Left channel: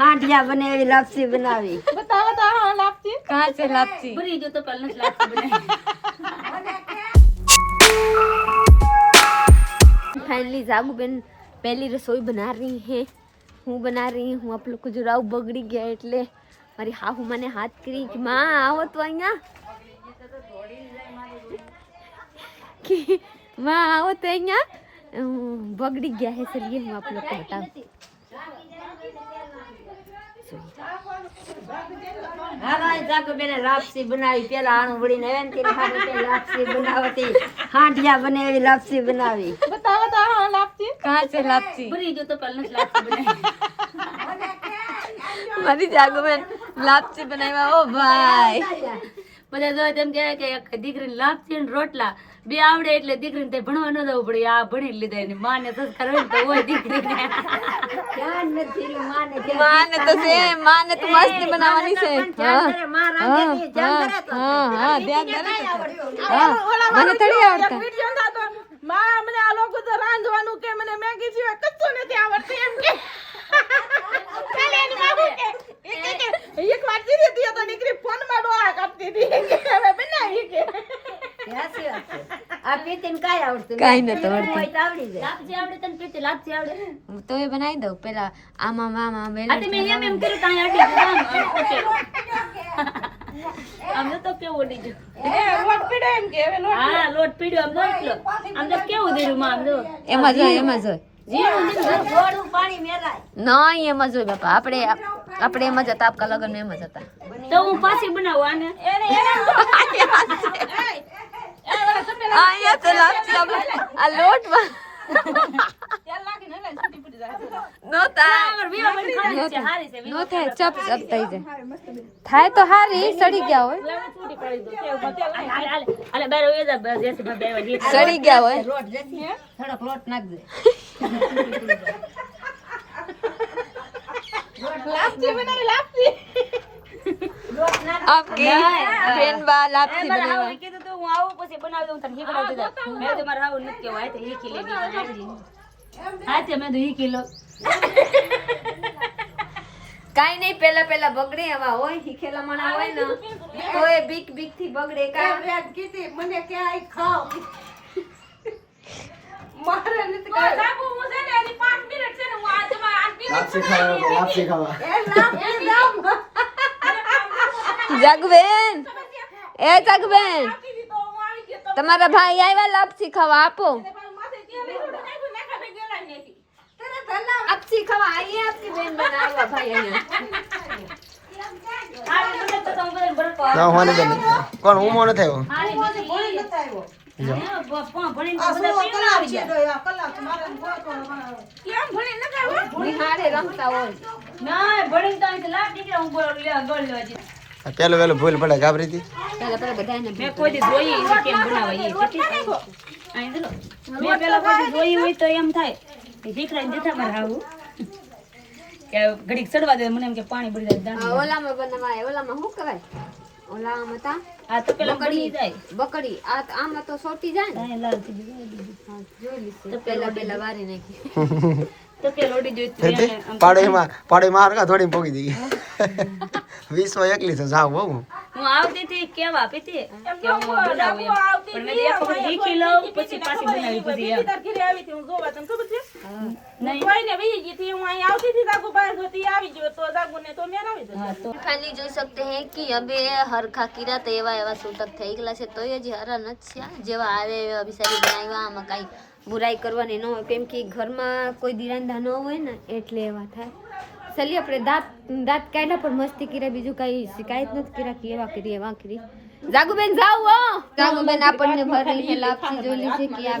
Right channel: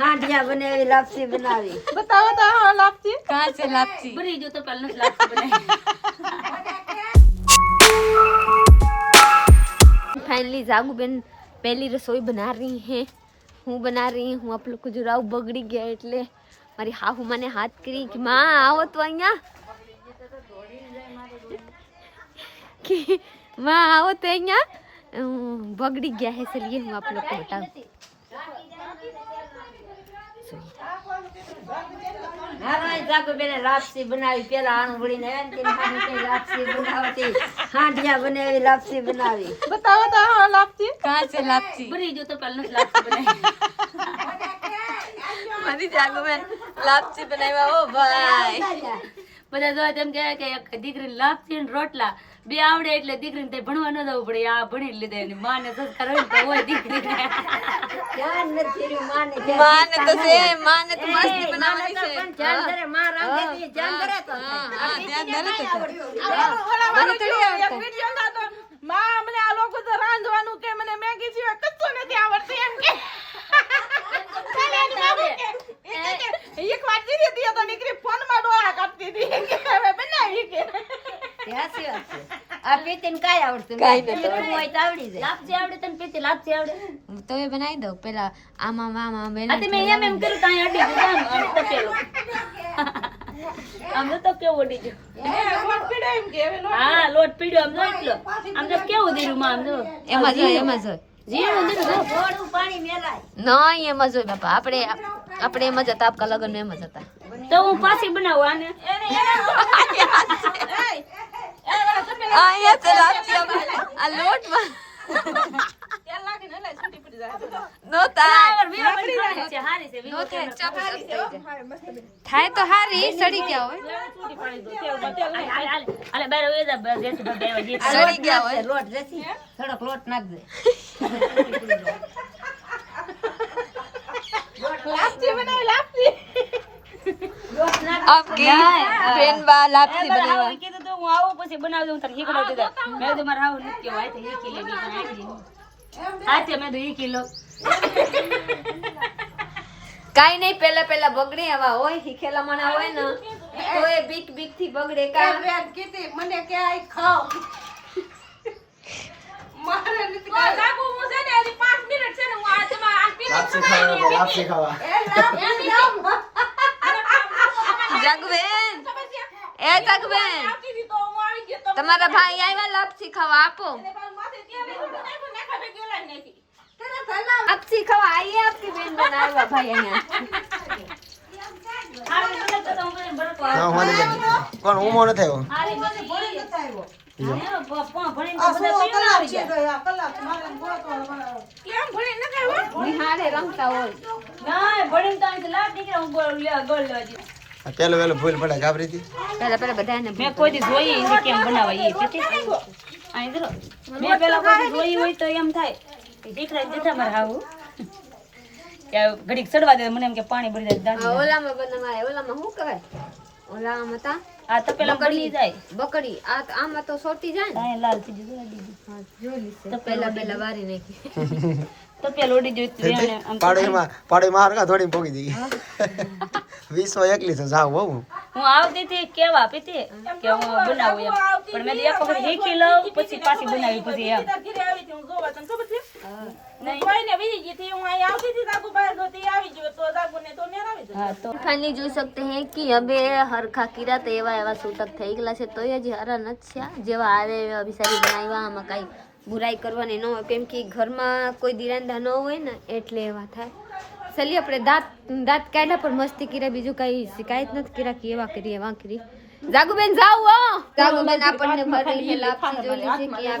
હાંડિયા બનાવી લાપસી બનાવી बताओ तो हाँ लापसी कहाँ से लापसी बड़ी जो तो पहले लापसी बनाई फाइनली जागू बेन पहली रसोई बना रही हैं હું બના રહી હું આપ લોકો જો રાવ બગડી ગયા એટલે મારી હાહુ મને હાથ કરી કે માં આવો તો અહીંયા कि माँ आओ तो यहाँ बगड़ी गया है चलिए हम आप लोग को बताऊं હા ભાઈ જાગો બેને લાપસી બનાવી પેલા આણું વળીને લાપસી બનાવતી હાંડિયા બનાવી લાપસી બનાવી बताओ तो हाँ लापसी कहाँ से लापसी बड़ी जो तो पहले लापसी बनाई मारी जागो में लापसी बनावा ओ भाई બધા જો તેમ કહે કે એક દીકરીને લાપસી ને રોટલા બે આવડે એટલે દીકરીને તે ભણવા ન જવું પડે આ ભણી લીધા એની માને સંસ્કાર હોય ને તો હોય દીકરીને ધ્યાન નથી કર્યું માને माँ ने तो से माँ ने तो मस्त बनावनी પણ है ધ્યાન કરે માં રાંધે છે ધ્યાન કરે તો हाँ ध्यान दे तो ઓલા વાળો જો એક વિડિયો હતો માં મને આ લોકો તો રાંધવાનું કે મને મેગી સિવાય કશું નથી આવડતું એમ કે એક વાર જીરી હતી તો દીકરી ફોન માં ડોળા કરતી હતી કે હવે બનાવી કે સાચી વાત છે આ પીતીને કાંઈ આવડતું કાંઈ નહીં. નથી પીવું હોય તો આવડી જાય લાપસી આવડે તને પીતી લાપસી આવડે तो ये बनाई दो पहला आमा मामा बेला આ તે મેં એમ કર્યું ત્યાં અડી દીધું આમ તપેલું આમ તો કેવું અડી ગયું લોટ પીડ્યો એમ કે હા લોટ પીડ્યો આમ જો એટલો આમ તો કેવું દીધું માં આમ જો એમાં જો જીરું દીધું થોડું પાણી મેલાય નહીં એમાં જો બાપા આપણે એમાં જતા આપકા લગન એમાં જતા તો હું પાછી બનાવું આને અહીંયા તો લાપસી આ લોટમાં નો થાય નો થાય ચપ ચપ થઈ જાય થાય તો હારી સડી ગયા હોય અલે બાર એ જા જેથી બે વાગે સડી ગયા હોય લોટ જતી થોડોક લોટ નાખજે લાપસી બનાવી લાપસી આપકી બેનબા લાપસી બનાવવા કીધું તો હું આવો પછી બનાવી દઉં તને શીખડાવી દેતા મેં તો મારા આવું નૃત્ય હોય તો શીખી લેવી હા તે મેં તો શીખી લો કાઈ નહીં પેલા બગડે આવા હોય શીખેલા માણા હોય ને તો એ બીક થી બગડે કા મને ક્યાંય ખાવ મારે નથી કહો સાબુ મુજે ને હજી 5 મિનિટ છે ને હું આ જમા આ પી લાપસી ખાવા જગબેન એ જગબેન તમારા ભાઈ આવ્યા લાપસી ખાવા આપો લાપસી ખાવા આઈએ આપકી બેન બનાવવા ભાઈ અહીંયા ના હોને બેન કોણ હું મોનો થયો નિહારે રમતા હોય પેલો ભૂલ પડે ગાબરી હતી પેલા બધાને મેં કોઈ દી જોઈ એ કેમ બનાવાય એ ચીટી અહીં જો મેં પેલા કોઈ દી જોઈ હોય તો એમ થાય કે ભીખરાઈ દેતા મારે આવું કે ઘડીક ચડવા દે મને એમ કે પાણી ભરી જાય દાંડી ઓલામાં બનાવાય ઓલામાં શું કરાય ઓલામાં તા આ તો પેલા બની જાય બકડી આ આમાં તો સોટી જાય ને અહીં લાલ થઈ જાય હા, જોઈ તો પેલા વારી નાખી તો પેલો ઓડી જોઈ પાડોમાં હરકા થોડી પોગી દી 20 એકલી તો જાવ બહુ હું આવતી હતી કેવા પીતી કે હું બનાવું એમ પણ મેં એક વખત શીખી લઉં પછી પાછી બનાવી પછી એમ હા તો फाइनली જોઈ सकते हैं कि अबे हरखा कीरा तो एवा सूतक થઈ ગયેલા છે તો હજી હરા નથી થયા જેવા આવે એવા બિચારી બનાવ્યા આમાં કાંઈ બુરાઈ કરવાની ન હોય કેમ કે ઘરમાં કોઈ દિરાંધા ન હોય ને એટલે એવા થાય ચલી આપણે દાંત કાઢ્યા પણ મસ્તી કર્યા બીજું કઈ શિકાયત નથી કર્યા કે એવા કરી એવા કરી જાગુબેન જાવ હો જાગુબેન આપણને ભરી છે લાપસી જોઈ છે કે આ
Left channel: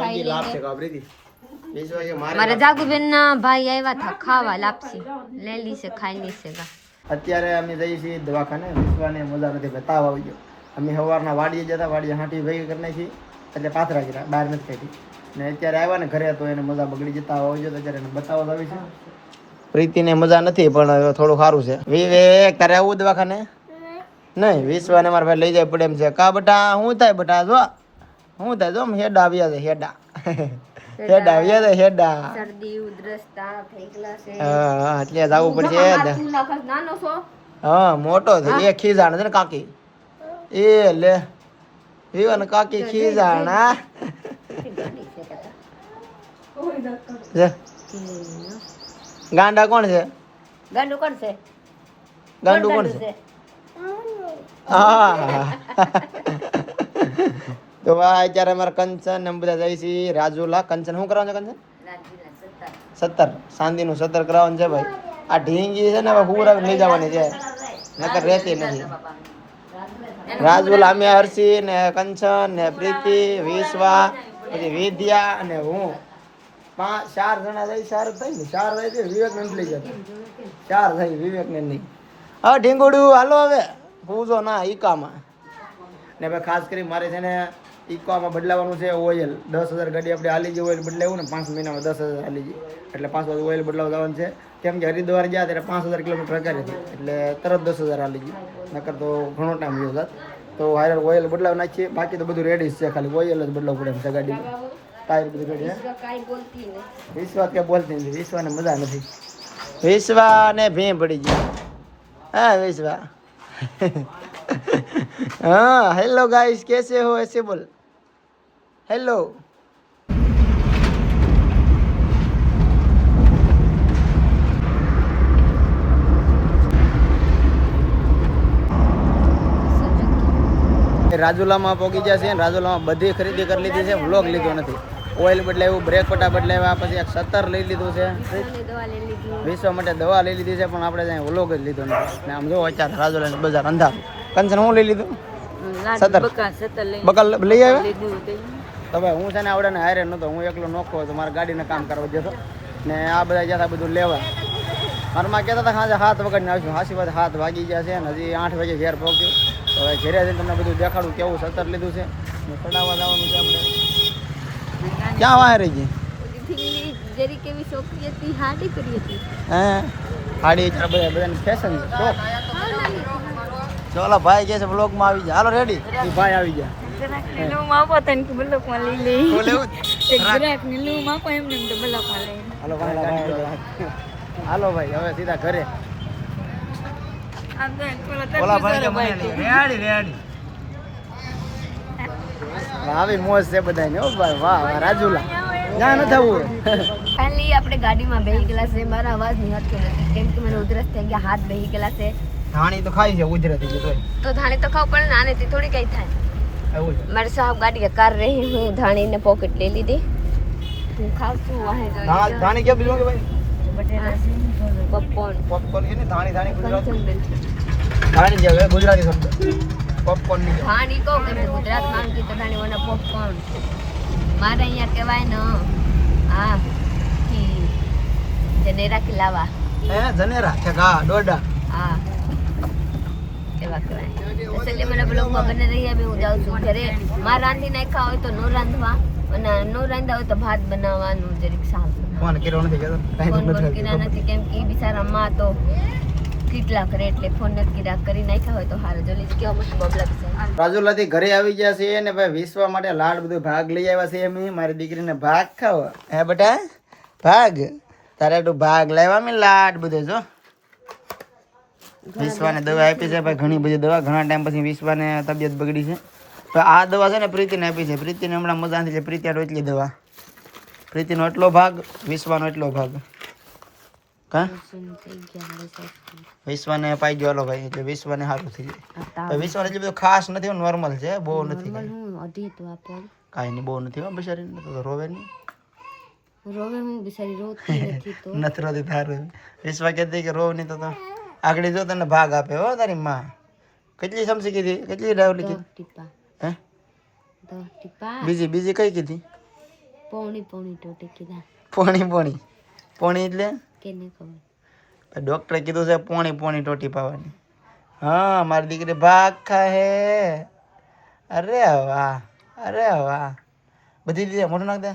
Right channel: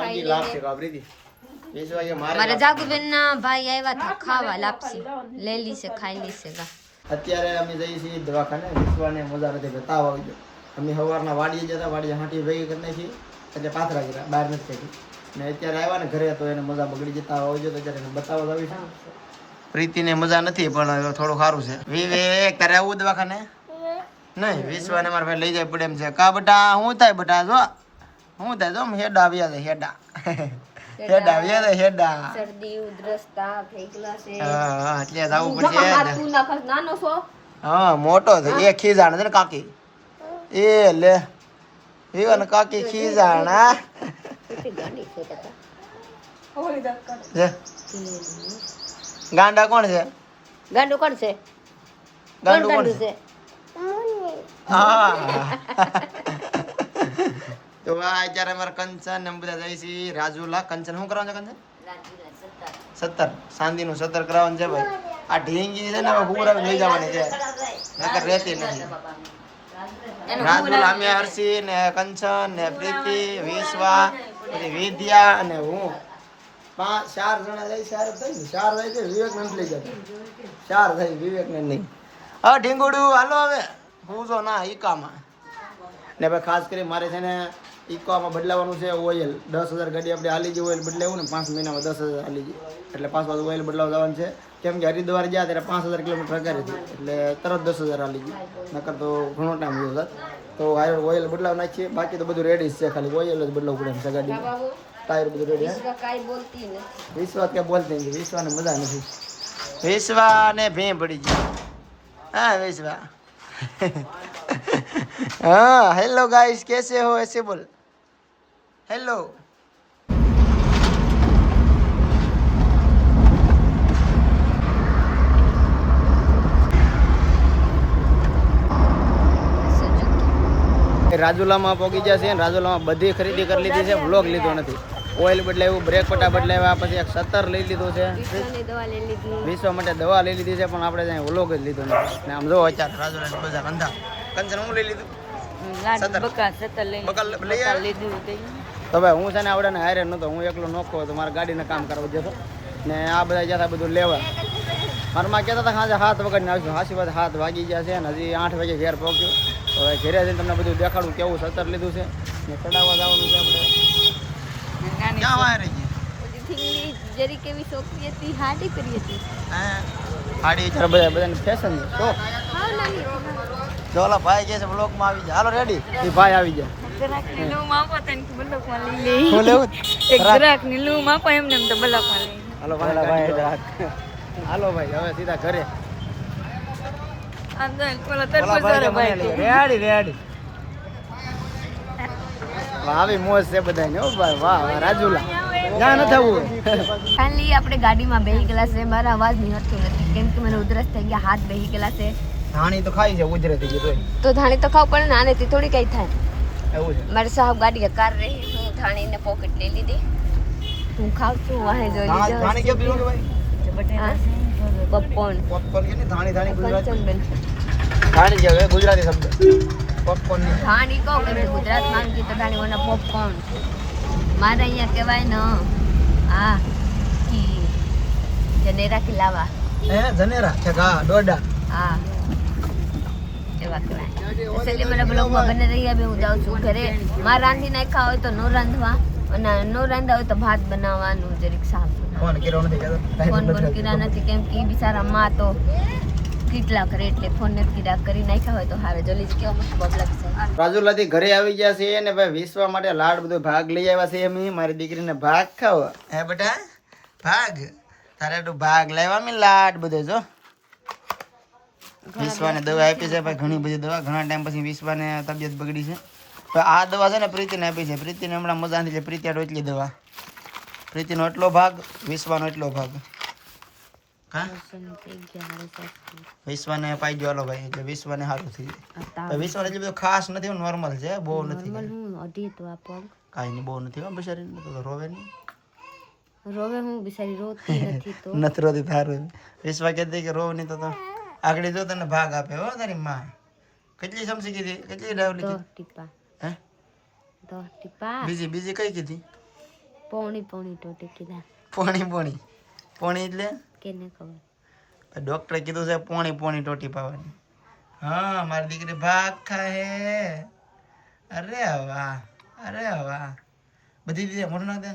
ખાઈ લે મારા જાગુબેન ના ભાઈ આવ્યા હતા ખાવા લાપસી લે લી છે ખાઈ લી છે ગા અત્યારે અમે જઈએ છીએ દવાખાને વિશ્વાને મજા નથી બતાવ આવી ગયો અમે સવારના વાડીએ જતા વાડીએ હાંટી ભેગી કરી નાખી એટલે પાથરા કર્યા બહાર નથી કાઢી ને અત્યારે આવ્યા ને ઘરે તો એને મજા બગડી જતા આવી ગયો તો અત્યારે એને બતાવવા આવી છે પ્રીતિને મજા નથી પણ થોડું સારું છે વિવે તારે આવું દવાખાને નહીં વિશ્વાને મારા ભાઈ લઈ જાય પડે એમ છે કા બટા શું થાય બટા જો શું થાય જો હેડા આવ્યા છે હેડા હેડા યાદ હેડા શરદી ઉધરસ તાવ થઈ ગયેલા છે હા એટલે જવું પડશે તું નખસ નાનો છો હા મોટો છે એ ખીજાણ છે ને કાકી એ લે એવા ને કાકી ખીજાણા લે. ગાંડા કોણ છે ગાંડું કોણ છે ગાંડું કોણ છે હા તો આ અત્યારે અમારા કંચન ને બધા જાય છે રાજુલા કંચન શું કરવાનું છે કંચન 17 સાંદીનું 17 કરાવવાનું છે ભાઈ આ ઢીંગી છે ને હવે પૂરા લઈ જવાની છે નકર રહેતી નથી રાજુલા અમે હર્ષી ને કંચન ને પ્રીતિ વિશ્વા પછી વિદ્યા અને હું 4 જણા જાય 4 થઈ ને 4 જાય છે વિવેક ને લઈ જતા 4 થઈ વિવેક ને નહીં હા ઢીંગુડું હાલો હવે પૂછો ના ઈકામાં ને ભાઈ ખાસ કરી મારે છે ને ઈકોમાં બદલાવાનું છે ઓઇલ 10,000 ગાડી આપણે હાલી ગઈ ઓઇલ બદલાવું ને 5 મહિનામાં 10,000 હાલી ગઈ એટલે 5 વાર ઓઇલ બદલાવ જવાનું છે કેમ કે હરિદ્વાર ગયા ત્યારે 5,000 કિલોમીટર અગાડી હતી એટલે તરત 10,000 હાલી ગઈ નકર તો ઘણો ટાઈમ ગયો હોત તો હાયર ઓઇલ બદલાવ નાખીએ બાકી તો બધું રેડી છે ખાલી ઓઇલ જ બદલાવવું પડે એમ છે ગાડીમાં ટાયર બધું રેડી હે વિશ્વા કે બોલતી નથી વિશ્વાને મજા નથી વિશ્વાને ભે પડી ગઈ હા વિશ્વા हाँ हेलो गाइस कैसे हो ऐसे बोल हेलो રાજુલામાં પહોંચી ગયા છે રાજુલામાં બધી ખરીદી કરી લીધી છે વ્લોગ લીધો નથી ઓઇલ બદલાવ્યું બ્રેક પટા બદલાવ્યા પછી એક 17 લઈ લીધું છે વિશ્વ માટે દવા લઈ લીધી છે પણ આપણે ત્યાં વ્લોગ જ લીધો નથી ને આમ જો અત્યારે રાજુલાની બજાર અંધાર કંચન હું લઈ લીધું બકલ લઈ આવ્યો તો ભાઈ હું છે ને આવડે ને હારે નતો હું એકલો નોખો હતો મારા ગાડીને કામ કરવા જતો ને આ બધા જતા બધું લેવા મારા માં કહેતા હતા સાંજે 7 વાગે આવીશું હાસી વાત 7 વાગી ગયા છે ને હજી 8 વાગે ઘેર પહોંચ્યું તો હવે ઘરે જઈને તમને બધું દેખાડું કેવું 17 લીધું છે ને ચડાવવા જવાનું છે આપણે ક્યાં વાય રહી ગઈ જરી કેવી છોકરી હતી હાડી કરી હતી હે હાડી બધા બધાને ફેશન છે શોખ હા નાની ચોલા ભાઈ કહે છે બ્લોગમાં આવી જાય હાલો રેડી એ ભાઈ આવી જાય હાલો ભાઈ ગાડી હાલો ભાઈ હવે સીધા ઘરે આવી મોજ છે બધાને હો ભાઈ વાહ વાહ રાજુલા ના ન થવું ફાઇનલી આપણે ગાડીમાં બેહી ગયેલા છે મારા અવાજ નહીં હટતો નથી કેમ કે મને ઉધરસ થઈ ગયા હાથ બેહી ગયેલા છે ધાણી તો ખાઈ છે ઉજરતી ગઈ તો ધાણી તો ખાવ પડે ને આનેથી થોડી કઈ થાય એવું છે મારે સાહેબ ગાડી કાર રહી હું ધાણીને પોકેટ દે લીધી હું ખાવ છું વાહે જોઈ ધાણી કે બીજું કે ભાઈ પોપકોર્ન પોપકોર્ન કે ધાણી ધાણી ગુજરાતી ધાણી જે ગુજરાતી શબ્દ પોપકોર્ન ની ધાણી કહું કેમ કે ગુજરાતમાં કે તો ધાણી મને પોપકોર્ન મારે અહીંયા કહેવાય ને આ કી જનેરા ખિલાવા હે જનેરા કે ગા ડોડા હા એવા કહેવાય તો ચલીએ મને બ્લોગમાં બને રહી હવે હું જાઉં છું ઘરે મારે રાંધી નાખ્યા હોય તો નો રાંધવા અને નો રાંધા હોય તો ભાત બનાવવાનું જરીક શાક ફોન કર્યો નથી કે ફોન બોન કર્યા નથી કેમ કે ઈ બિચારા માં તો કેટલા કરે એટલે ફોન નથી કર્યા કરી નાખ્યા હોય તો હારે જલ્દી કેવો મસ્ત બબલા બિચારા રાજુલાથી ઘરે આવી ગયા છે ને ભાઈ વિશ્વા માટે લાડ બધું ભાગ લઈ આવ્યા છે એમ મારી દીકરીને ભાગ ખાવ હે બેટા ભાગ તારે તું ભાગ લાવ્યા મેં લાડ બધું જો વિશ્વાને દવા આપી છે ભાઈ ઘણી બધી દવા ઘણા ટાઈમ પછી વિશ્વાને તબિયત બગડી છે તો આ દવા છે ને પ્રીતિને આપી છે પ્રીતિને હમણાં મજા નથી પ્રીતિ આટો એટલી દવા પ્રીતિનો એટલો ભાગ વિશ્વાનો એટલો ભાગ કા વિશ્વાને પાઈ ગયો ભાઈ એટલે વિશ્વાને સારું થઈ જાય વિશ્વાને એટલું બધું ખાસ નથી નોર્મલ છે બહુ નથી કાંઈ નહીં બહુ નથી હો બિચારી રોવે નહીં રોવે હું બિચારી રોતી નથી તો નથી રોતી તારું વિશ્વા કહેતી કે રોવ નહીં તો આગળ જો તને ભાગ આપે હો તારી માં કેટલી સમસી કીધી કેટલી ડાવલી ટીપા હે 10 ટીપા બીજી કઈ કીધી પોણી ટોટી કીધા પોણી એટલે કેને ખબર ડોક્ટરે કીધું છે પોણી ટોટી પાવાની હા મારી દીકરી ભાગ ખાહે અરે વાહ બધી દીધી મોઢું નાખ દે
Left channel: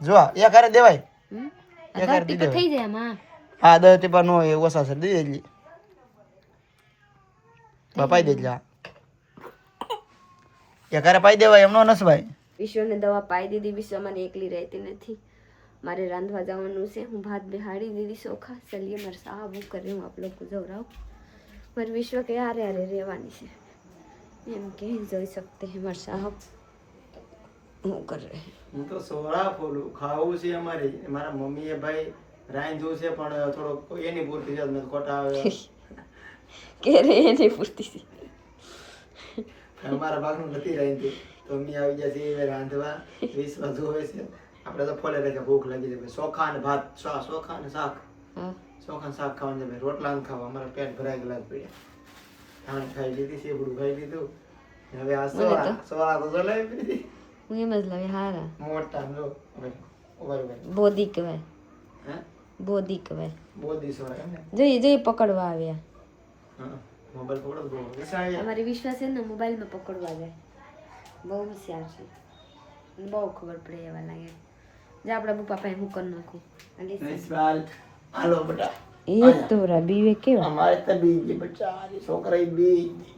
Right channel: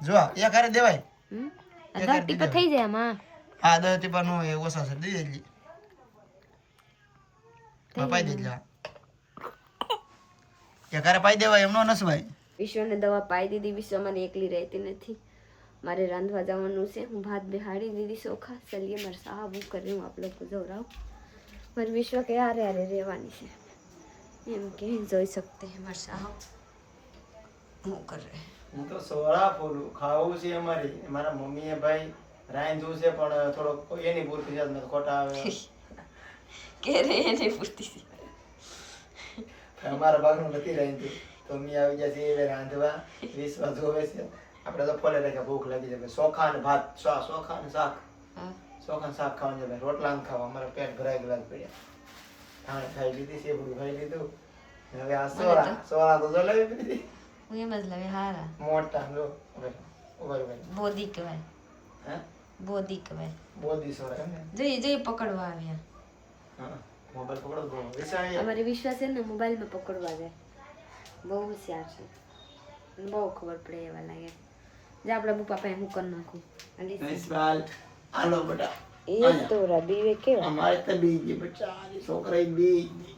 જો એક હારે દેવાય એક હારે ટીપા થઈ જાય માં હા 10 ટીપા નો એ ઓછા છે દઈ દેજે પાઈ દેજે એક હારે પાઈ દેવાય એમનો નસ ભાઈ વિશ્વને દવા પાઈ દીધી. વિશ્વ મારી એકલી રહેતી નથી, મારે રાંધવા જવાનું છે. હું ભાત બેહાડી દીધી ચોખા. ચલીએ મારે સાહબ હું કરી હું આપ લોકો જવરાઉં. મારે વિશ્વ કે આરે આરે રહેવાની છે એમ કે જોઈ શકते हैं મારા સાહબ હું કર રહે. હું તો સોળા ફોલું ખાવું છે અમારે. મારા મમ્મીએ ભાઈ રાંધ્યું છે પણ થોડોક એની પૂરતી છે ખોટા આવે કે રે એને પૂરતી અમારા ભાગનું નથી રાંધ્યું તો મમ્મી આવી જશે એ રાંધવા. વિશ્વાસ જોવે છે. આપણે તો ફોલે રહે ભૂખ લાગી જાય. ચોખા ને ભાત, ચોખા ને શાક, ચોખા ને શાક ખાવાનું છે ભાઈ. રોટલા ને ખાવા અમારા પેટ ભરાઈ ગયેલા પડ્યા. ધાણી ખાઈ લીધી, સેબડું ખાઈ લીધું. હવે આ સોળા તો જલાવી પીધી. હું એમ જ લવે હારા મોટા જો ભાઈ બોધી કહેવાય, હે બોધી કહેવાય. બોધી સોળા એમ ને. જઈ જઈ પકડવા આવ્યા. હા મોબાઈલ પકડો બહુ વિશાળ. અમારે વિશ્વાસ છે ને મોબાઈલમાં પકડવા જાય. બહુ હોશિયાર છે, બહુ ખબર પડે એવા લાગે. જે આપણા બપા પાસે હું કરી નાખું. વિશાળ હાલો બેટા એ તો બીવે કેવું અમારે તો બીજી બચ્ચા છોકરા બીજી